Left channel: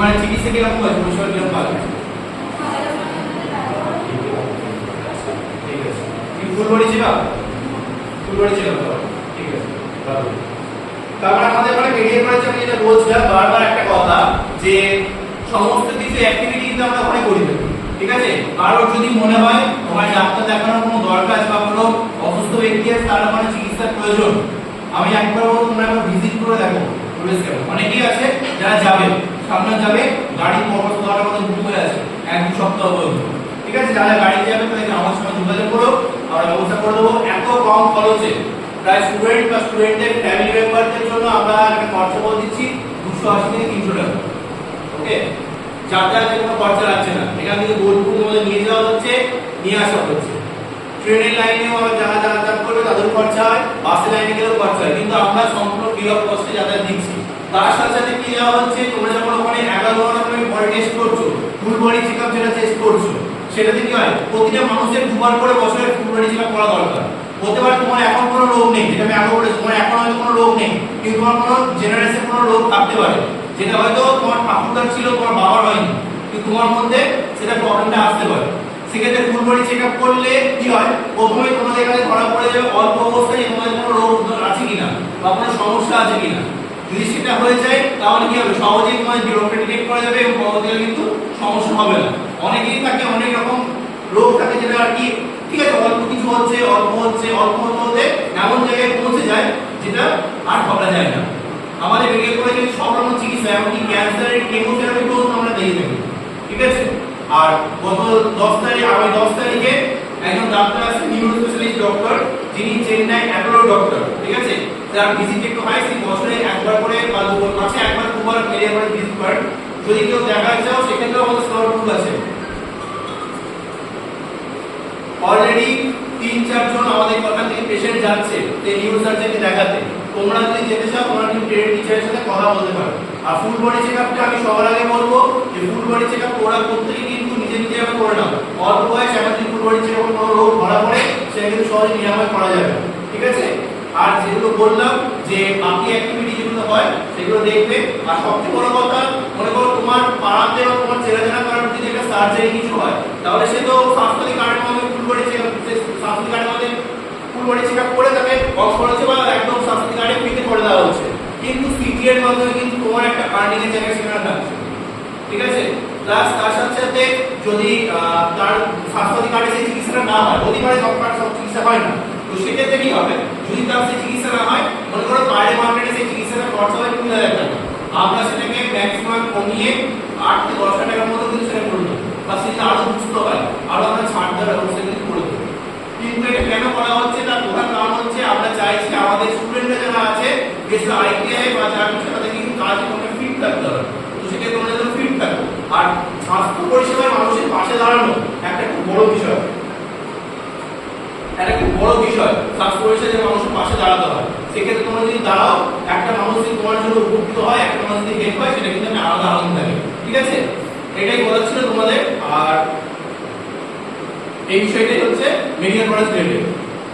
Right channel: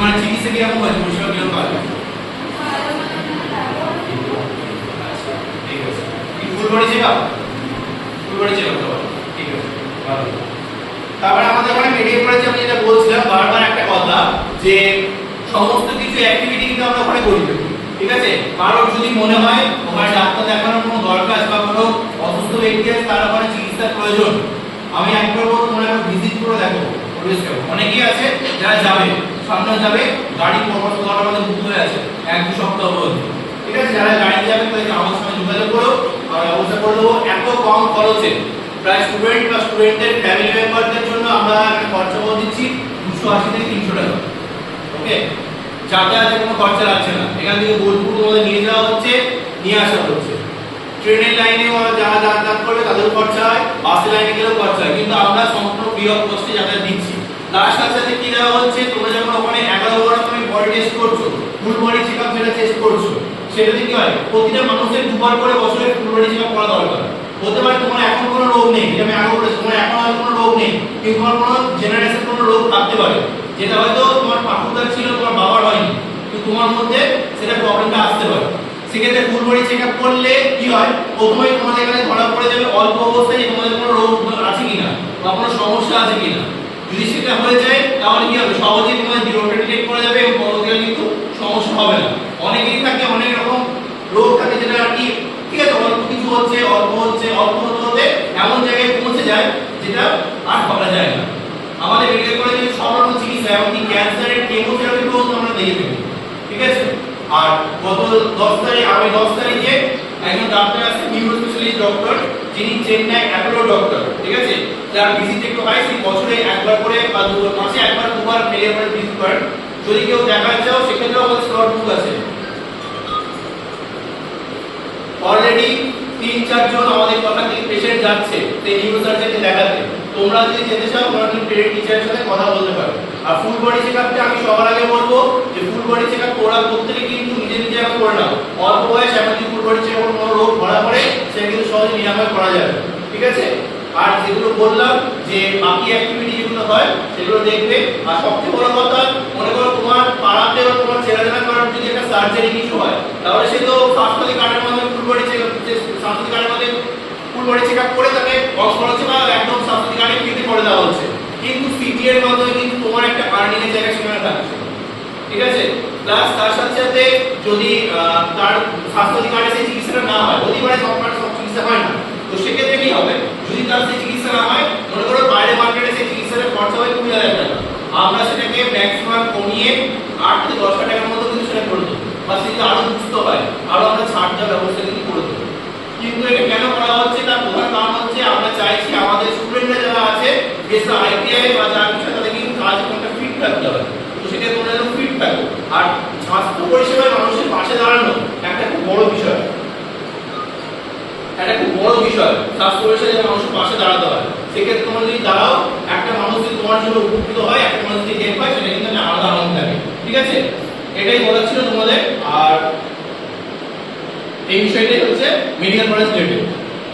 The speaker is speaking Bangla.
মানে চিকিৎসা কিরকম হয়েছে, পরিষেবা কিরকম পাবে? ঠিক আছে, full body checkup, full body checkup হবে, ঠিক আছে ভালো। তারপরে আমাদের এখানে মেডিকেল কলেজে আমি যেটা বলছিলাম বারবার একটা কথা যে সমস্ত কিছু অ্যাক্টিভিটি কিন্তু আমরা ওখানে করি, ঠিক আছে। কারণ যদি মনে হয় তোমার ডাক্তার দেখানোর কোনো দরকার বা কোনো অসুস্থ ব্যক্তি আছে তার মানে চিকিৎসার প্রয়োজন, আমি একবার বলবো তোমরা একবার ভিজিট করে দেখো। অনেকেই আছে যারা যাবে, সামনে যাবে, গাড়ি পরপর আমাদের বুক হয়ে আছে 1-2 সপ্তাহ পর্যন্ত, ঠিক আছে। যারা গাড়ি যাবে তাদেরকে আমার সঙ্গে যোগাযোগ করো, আর ব্যবস্থা করে দেবো এত কম খরচে। প্রায় স্টুডেন্ট বা স্টুডেন্টদের ফ্যামিলি মেম্বারদের জন্য আমরা একটা খরচা বলে দিচ্ছি 280 থেকে 300 টাকা, ওকে। যাতায়াতের কোনো খরচা লাগছে না, এখান থেকে বোলপুর তোমাদের নিয়ে যাওয়া হচ্ছে, নিয়ে আসা হচ্ছে। ট্রেনের লাইনে যারা যাতায়াত করবে তাদের খরচা হয়, বাসের লাইনে গেলেও খরচা হয়, কিন্তু আমরা সম্পূর্ণ ফ্রি অফ কস্টে যাতায়াত দিচ্ছি। তার সাথে সাথে কি দেওয়া হচ্ছে, তোমরা যখন ওখানে 11 বার তুমি বডি টেস্ট করছো, ফুল বডি চেকআপ যেটা টেস্ট করছো, সেটাতে কি হয় প্রতিটা মানুষের 2 বার করে বছরে ফুল বডি চেকআপ করা দরকার। হতে পারে তোমার এখন কোনো রোগ নেই, যেটা আমি আগে বলেছি, তোমার এখন হয়তো কোনো রোগ নেই, কিন্তু তোমার কোনো জেনারেশন কোনো রোগ থাকতে পারে, যেটা হয়তো তোমার ঠাকুরদার ছিল, তোমার বাবার হয়নি, কিন্তু তোমার মধ্যে সেটা প্রবলেমটা আসতে পারে। সেক্ষেত্রে ফুল বডি চেকআপ করলে কি হয়, প্রথমে তোমাদের এখানে ধরা পড়ে যাবে অল্প অবস্থায় তোমাদের কোনো রোগ আছে কিনা বা কোনো সমস্যা আছে কিনা। যদি সেটা হয়ে যায় তাহলে কি হবে, সহজেই তোমাদের রোগটা ডিটেক্ট করা যাবে এবং পরবর্তীকালে কিন্তু সমস্যা হবে না। অনেকেই থাকে অনেক রকম রোগ থাকে যেটা আর কি, ঠিক আছে, অল্প কিছু হচ্ছে, অল্প হচ্ছে, অল্প হতে এমন জায়গায় পৌঁছে যায় যেটা আর ভাবা যায় না। আমাদের মেডিকেল কলেজে সব রকম চিকিৎসা, এমনকি ক্যান্সারের কেমোথেরাপি পর্যন্ত আমরা দিয়ে দেবো, ঠিক আছে। আর গত 10 তারিখে একজন ডাক্তার আছে, নিউরো স্পেশালিস্ট ডক্টর, যিনি চেন্নাই অ্যাপোলো ডক্টর, ঠিক আছে। যার ভিজিট একটু হয়, সেই বছরে একবার করে বা মাসে একবার 2 বার মেডিকেল কলেজ ভিজিট করেন। যদি কেউ দেখাতে চাও সেক্ষেত্রেও আমাদের স্লট বুক আছে। অলরেডি 3-4 জন আমাদের কথা থেকে পেশেন্ট যাচ্ছে এই নিউরো সার্জনকে দেখাতে। তোমরা যদি যেতে চাও তোমরা কিন্তু ট্রেনিং টিচারের সাথে কথা বলতে পারো। আর ফুল বডি চেকআপটা আমি সবার আগে বলবো যে ফুল বডি চেকআপ তোমরা প্রত্যেকে কিন্তু নিজে নিজে এখন করে নাও। অল্প বয়স এখন যদি ফুল বডি চেকআপ কোনো রোগ ধরা পড়ে সেটা কিন্তু সহজে নিরাময় করা যাবে, ঠিক আছে। আর যেগুলো বললাম যে বাকি অ্যাক্টিভিটি যেগুলো হয় সেগুলো দেখবে। আর সবচেয়ে বড় কথা, মনে করো তোমার পাড়াতে বা তোমার চেনাজানা করার যদি একটা সার্জারি কিছু হয়, তাহলে সে তো স্বাস্থ্যসাথী কার্ডের মধ্যে ফুল বডি চেকআপ, স্বাস্থ্যসাথী কার্ডের মধ্যে ফুল বডি চেকআপ করে তাকে কস্ট খরচে বা একদম স্বাস্থ্যসাথী কার্ডে ফ্রিতে করে দেওয়া হচ্ছে। কিন্তু সিটি এর মাধ্যমে কিন্তু তোমার একটা আর্নিং এর জায়গা সেখানে থাকছে, ঠিক আছে। প্লাস তার সাথে সাথে যদি তার স্বাস্থ্যসাথী কার্ডে সেই চিকিৎসাটা না হয়, অধিকারে সব চিকিৎসা হয় না, তো সেক্ষেত্রে কি হবে, যদি তার সেই চিকিৎসা না হয়, মনে করো বাইরে মার্কেটে সেই চিকিৎসাটা খরচা হবে 20,000 টাকা, আমরা সেটাকে ম্যাক্সিমাম কমিয়ে 8 থেকে 10 হাজার টাকার মতো কিন্তু সেটা করে দেবো। বা সেটা আরো সুস্থ হয়, আরো আমরা ছাড় দেওয়ার ব্যবস্থা কিন্তু করে দেবো। কিন্তু এটা কেন করা হচ্ছে, তার প্রধান কারণ হচ্ছে আমরা চাইছি আমাদের স্টুডেন্টরা যারা আছে বেশ আইটিআই বা যারা কিছু তাদেরকে কিন্তু কাজ করতে ফিট থাকতে হবে। তো সেটা তোমরা যেন ফিট থাকো। আর স্বাস্থ্য পরিষেবায় মানুষের পাশে দাঁড়ানো একটা খুব বড় বিষয়, একটা খুব বড় বিষয়। স্বাস্থ্য পরিষেবায় মানুষের পাশে দাঁড়াতে হয়। সেক্ষেত্রে তোমরা যদি দাঁড়াও, একটা মানুষ যদি তোমার জন্য উপকৃত হয়, একটা মানুষ যদি হেল্প হয়, সেটা কিন্তু আলাদা আনন্দ থাকে, ঠিক আছে। এটাই বলার ছিল তোমাদের। আর এই বিষয়টাই হচ্ছে মেডিকেল কলেজ রিলেটেড।